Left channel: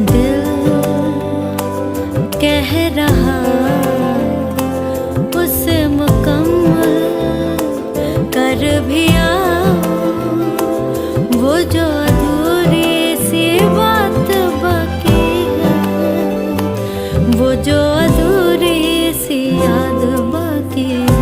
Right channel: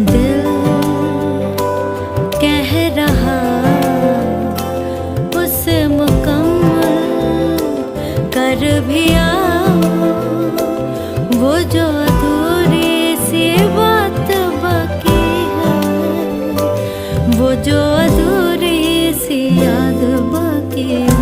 दिल कह रहा उसे मुकम्मल कर भी आओ, वो जो अधूरी सी बात बाकी है, वो जो अधूरी सी याद बाकी है।